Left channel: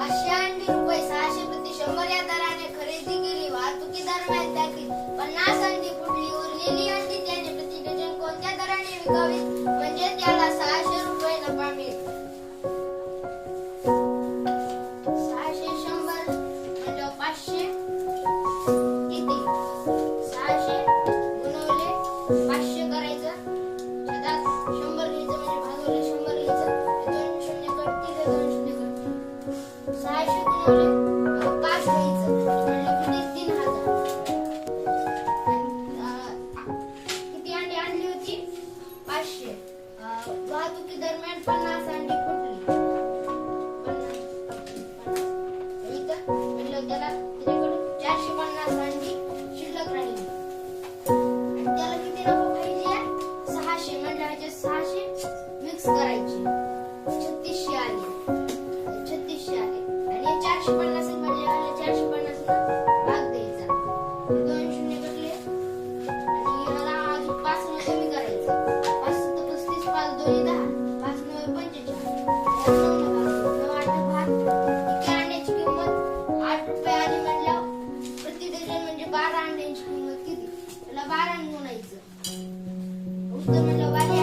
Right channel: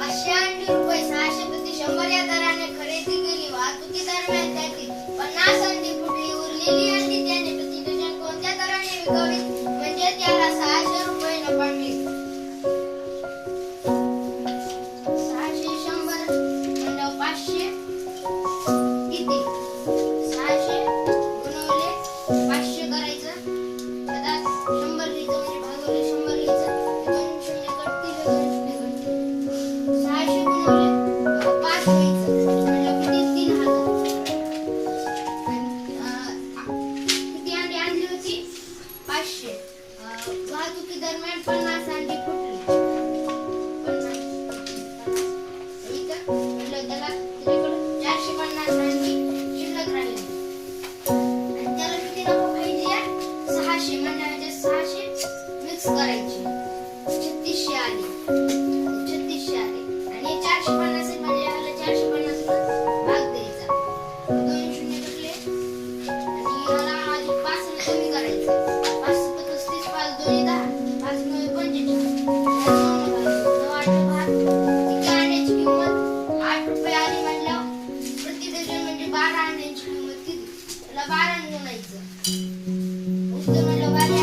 580 रुपये 600 प्रति 100 या दराने खरेदी केली. वाहतुकी दरम्यान त्यातील 50 अंडी फुटली. उरलेली अंडी त्याने प्रति डझन कोणत्या दराने विकावी म्हणजे त्याला 600 रुपये नफा मिळेल? 600 100 म्हणजे 500 किती? 600 गुणवले 500 करायचं. आता 100 लिहायचं म्हणजे भागवले 100 लिहायचं. 2 शून्य कटतील 2 शून्य कटतील. 600 गुणवले 5 लिहायचं म्हणजे किती? 3000. किती अंडी आणली होती? 500. वाहतुकी दरम्यान 50 अंडी फुटली. 50 इथं म्हणलं त्याला त्याच्याकडे 450 अंडी शिल्लक राहिली आणि त्याला किती नफा पाहिजे? 600 म्हणजे 600 मिक्स करायची. 3600 आले. 3600 आले आणि 450 म्हणजे याला 450 भाग द्यायचा. 2 शून्य कटले आणि याला अजून 5 ने कमी करायचं. 5 7 35 5 2 10 5 9 45 9 8 भाग. किती अंड्याची किंमत? 8 रुपये आली म्हणल्यावर प्रति डझन म्हणजे 12 अंड्यांची किंमत किती? त्याला 12 ने गुणायचं. उत्तर म्हणलं 12